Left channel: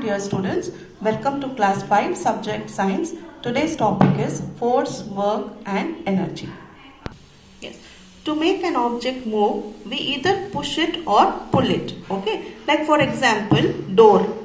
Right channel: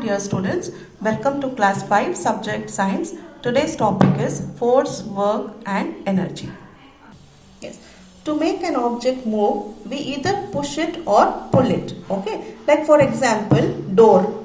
morning, dear students. Welcome to class 5 subject science. Today's topic is force, work and energy. Yes. To make an object move, we either push it or pull it. Okay. Like for example, door.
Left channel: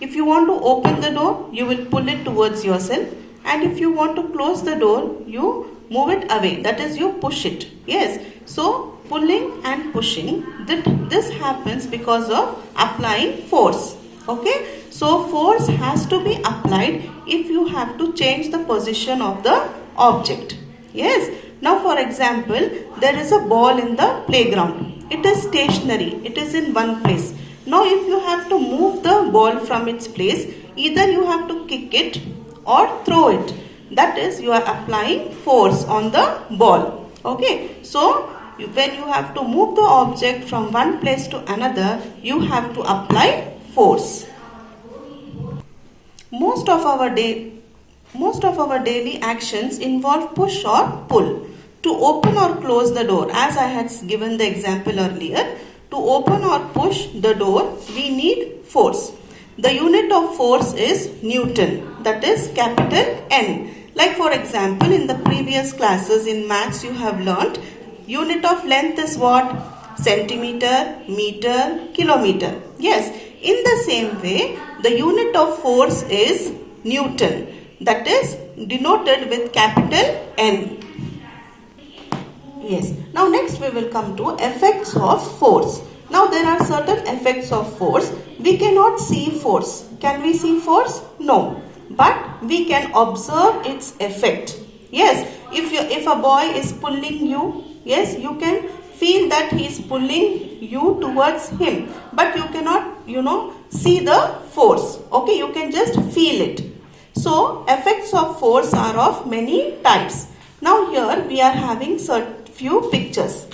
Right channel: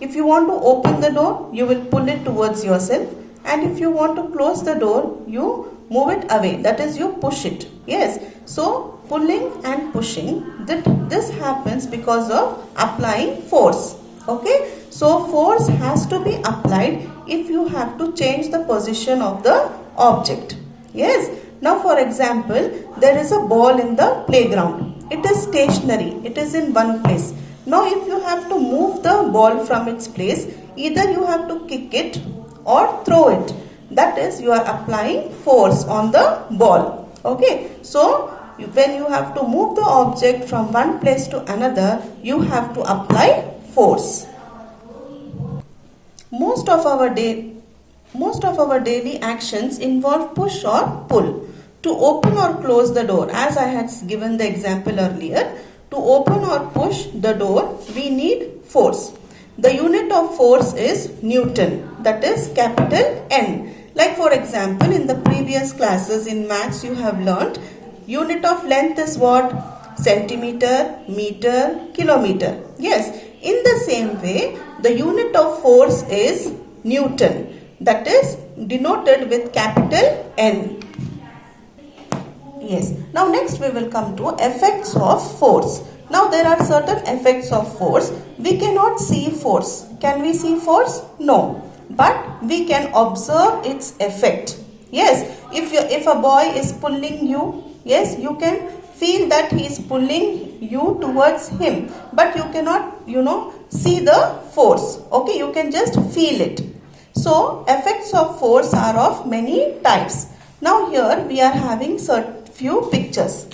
If you want to open the door, you will pull it towards yourself. And if you want to close the door, you move it away. That is, you push it. Yes. So, pulling and pushing, this happens because of applying force. Okay. So, force has to be applied if you have to change the position of the object. Yes. Now, for example, there is a ball in the playground. It is stationary. It is in one place. Now, if you have to move the ball from its place, either you have to kick it or throw it. That is, you are applying force on the ball. Okay. So, when you have to move the object from one place to another, you have to apply force. Most of our daily actions involve push or pull. To open or close the door, as I had given the example earlier, to open or push the door, we need force. The unit of force is Newton, that is capital N. Like for example, in the previous classes in maths you have learnt, unit of length is what? Centimeter, meter, kilometer. Yes, in the same way, the unit of force is Newton, that is denoted with capital N. Yes. Now next we will come to effects of force. Now there are certain effects of force. We cannot see force. Can we see force? No. But we can observe its effect. Yes. If a boy is pulling you, yes, you can feel that he is pulling you towards him. But you cannot, see the force. Okay. You can just feel it. So effects of force are of many types. Now here we are having few pictures.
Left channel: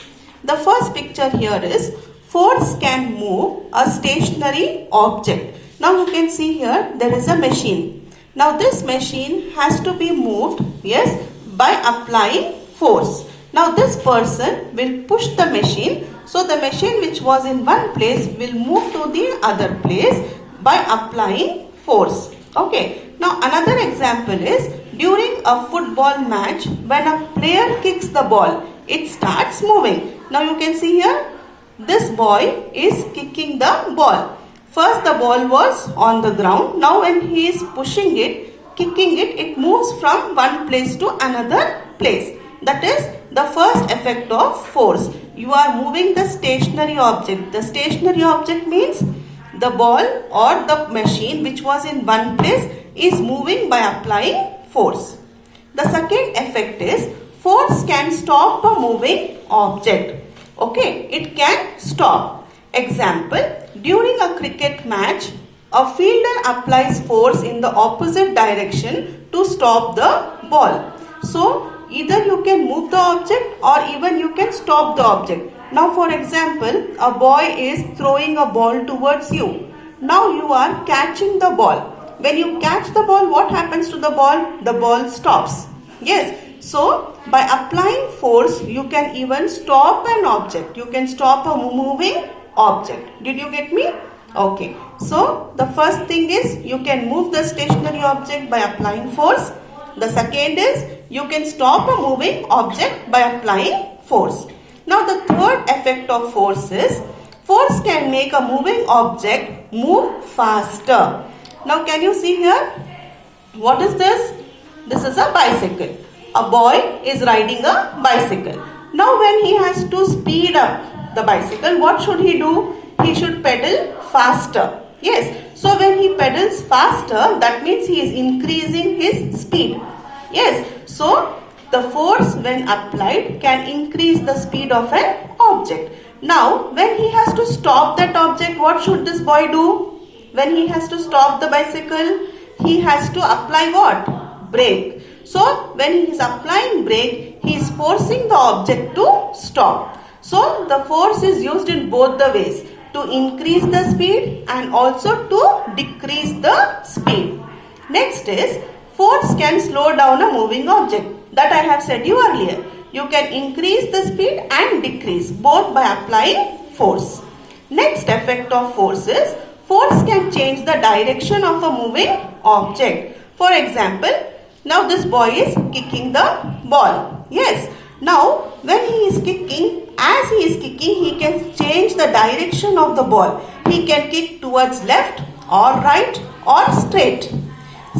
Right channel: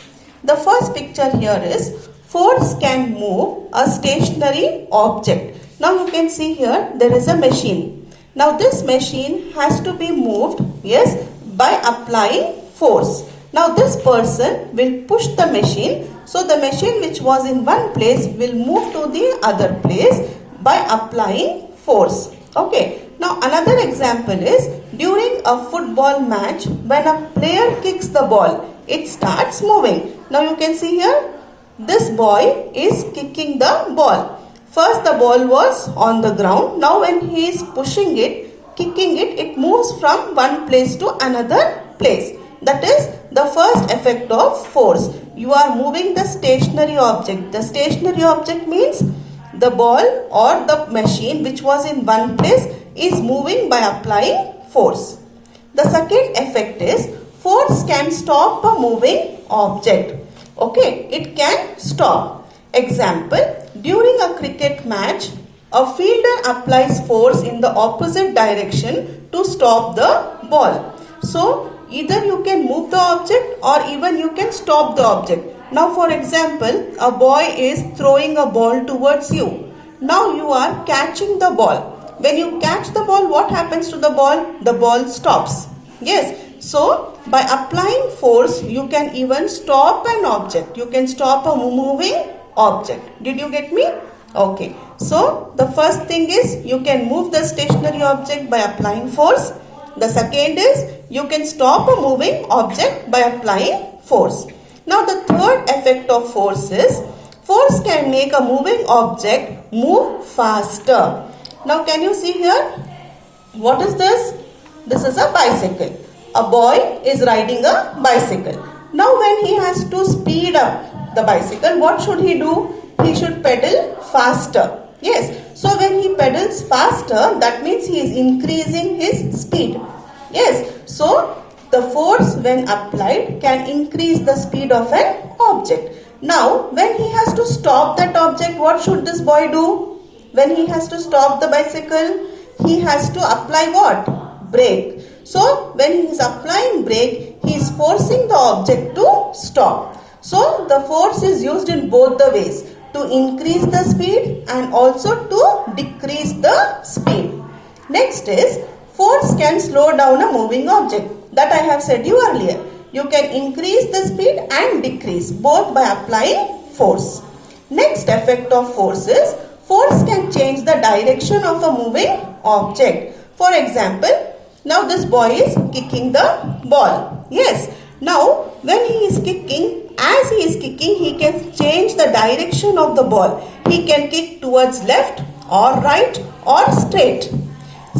The first picture here is force can move a stationary object. Now you can see here there is a machine. Now this machine has to be moved, yes, by applying force. Now this person will push the machine. So the machine which was in one place will move to the other place by applying force. Okay. Now another example is during a football match, when a player kicks the ball, it starts moving. Now you can see here, this boy is kicking the ball. First the ball was on the ground. Now when he is pushing it, kicking it, it moves from one place to another place. That is the first effect of force. You are moving the stationary object. The stationary object means the ball or the machine which was in one place is moving by applying force. The second effect is force can stop a moving object. Okay, it can stop. Example, during a cricket match, a fielder applies force in the opposite direction to stop the ball. So, either you can move the object or even you can stop the object. Now, for example, a boy is throwing a ball towards you. Now, you are catching the ball. When you catch the ball, what happens to the ball? The ball stops. Yes. So, by applying force, you can even stop an object. You can stop a moving object. Did you get me? Okay. So, the first thing is you can move the stationary object by applying force. The second is you can stop a moving object by applying force. Now, the third effect of force is force can make a moving object move faster. Now, can you see here? What is this? This is a bicycle. A boy is riding a bicycle. Now, when he has to speed up the bicycle, what should he do? He should pedal faster. Yes. So, when he pedals faster, that means he is increasing his speed. Yes. So, the force when applied can increase the speed of an object. Now, when he has to stop that object, what should this boy do? When he has to stop the bicycle, he has to apply what? Brake. So, when he is applying brake, he is forcing the object to stop. So, the force is used in both the ways, to increase the speed and also to decrease the speed. Next is, force can slow down a moving object. That I have said you earlier. You can increase the speed and decrease both by applying force. Next effect of force is force can change the direction of a moving object. For example, now this boy is kicking the ball. Yes. Now when he is kicking, as he is kicking, he can change the direction of the ball. He can kick towards left or right or straight.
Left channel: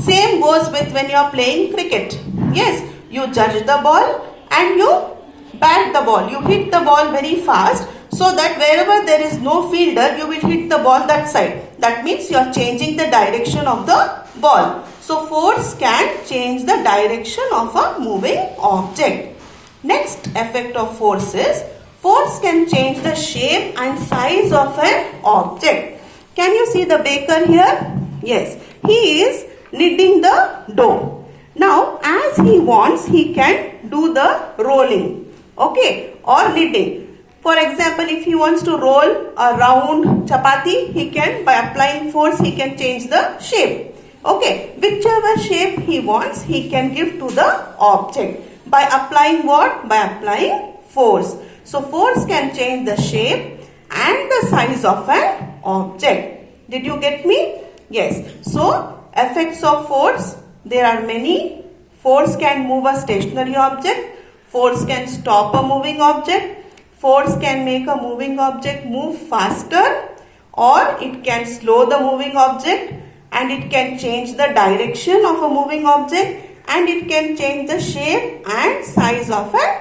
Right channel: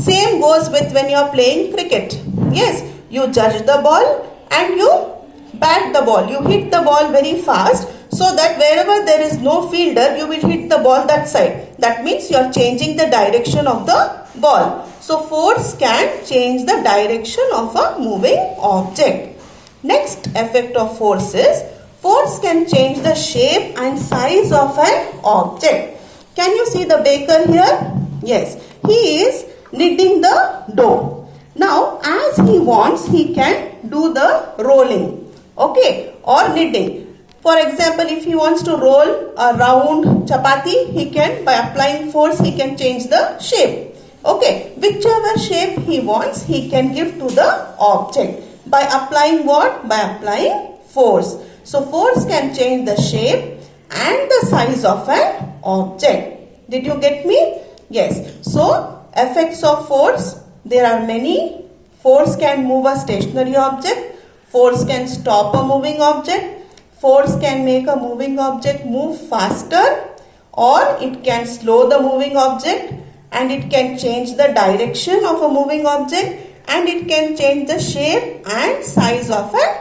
Same goes with when you are playing cricket. Yes, you judge the ball and you bat the ball. You hit the ball very fast so that wherever there is no fielder, you will hit the ball that side. That means you are changing the direction of the ball. So force can change the direction of a moving object. Next effect of force is force can change the shape and size of an object. Can you see the baker here? Yes, he is kneading the dough. Now as he wants, he can do the rolling, okay, or kneading. For example, if he wants to roll a round chapati, he can, by applying force, he can change the shape. Okay, whichever shape he wants, he can give to the object. By applying what? By applying force. So force can change the shape and the size of an object. Did you get me? Yes. So effects of force, there are many. Force can move a stationary object. Force can stop a moving object. Force can make a moving object move faster, or it can slow the moving object, and it can change the direction of a moving object, and it can change the shape and size of an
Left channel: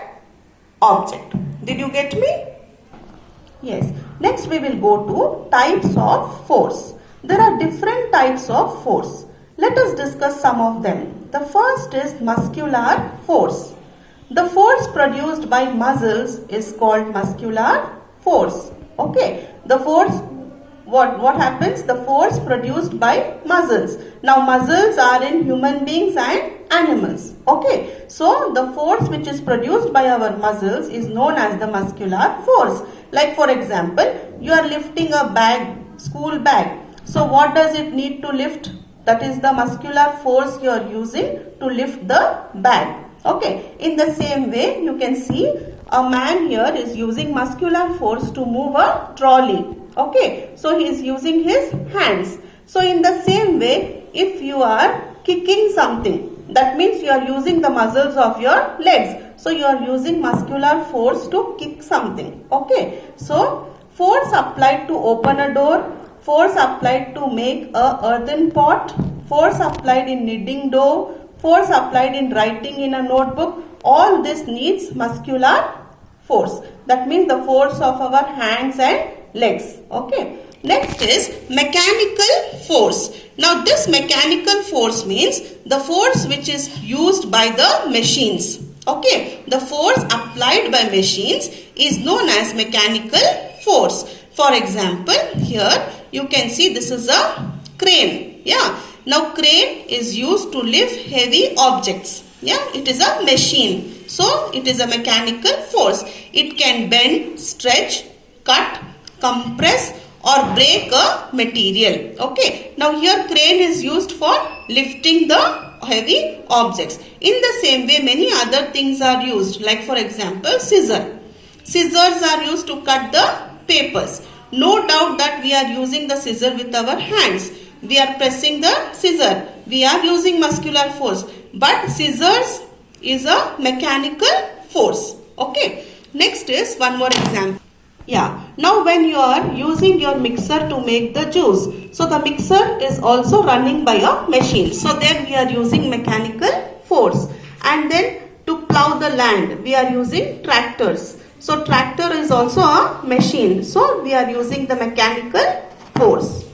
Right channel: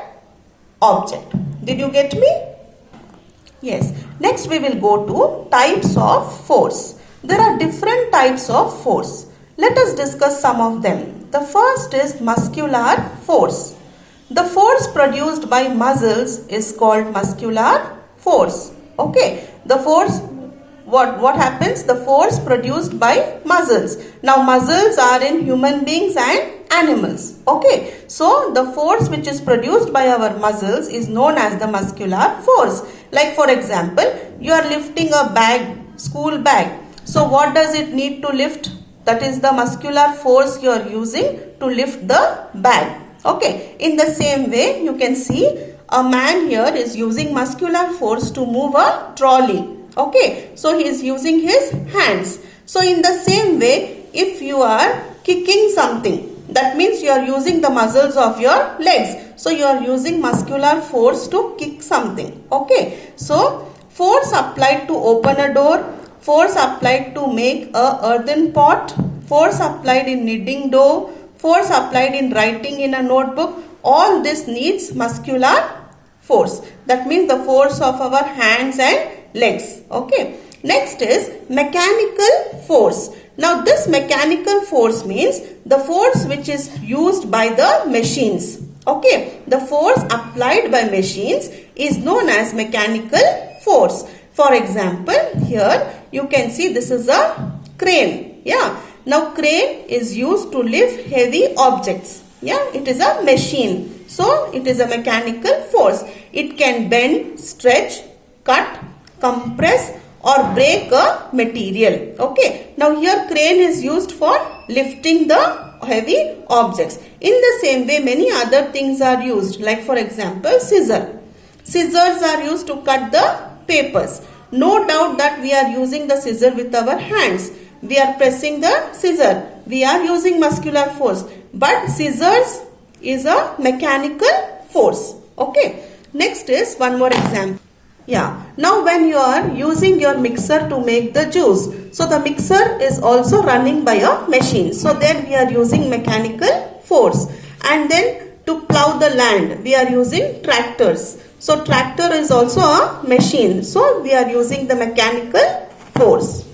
object. Did you get me? Yes. Next we will go to types of force. There are different types of force. Let us discuss some of them. The first is muscular force. The force produced by muscles is called muscular force. Okay. The force, what happens? The force produced by muscles. Now muscles are in human beings and animals. Okay. So the force which is produced by our muscles is known as the muscular force. Like for example, you are lifting a bag, school bag. So what does it need to lift? That is the muscular force you are using to lift the bag. Okay. In the same way, you can see a man here is using muscular force to move a trolley. Okay. So he is using his hands. So in the same way, if you are kicking something, that means you are using the muscles of your legs. So you are using muscular force to kick something. Okay. So force applied to open a door, force applied to make a earthen pot, force applied in kneading dough, force applied in writing in a notebook, all this needs muscular force. That means the force of our hands and legs. Okay. Next is mechanical force. Now this mechanical force means the force which is used by the machines. Okay. The force applied by machines is known as mechanical force. For example, here you can see this is a crane. Yeah. Now crane is used to lift heavy objects. Yeah. It is a machine. So it is a mechanical force. It can bend, stretch, cut, compress or break a material. Okay. Now here crane is used for lifting the heavy objects. In the same way, many other things are used. Like for example, scissor. Scissors are used to cut the papers. No doubt that we are using the scissor with our hands. We are pressing the scissor. We are using muscular force. But scissors is a mechanical force. Okay. Next is one more example. Yeah. Now when you are using your mixer to make the juice, so the mixer is also running by a machine. So there we are using mechanical force. And then to plow the land, we are using tractors. So tractor is also a machine. So we are using the mechanical force.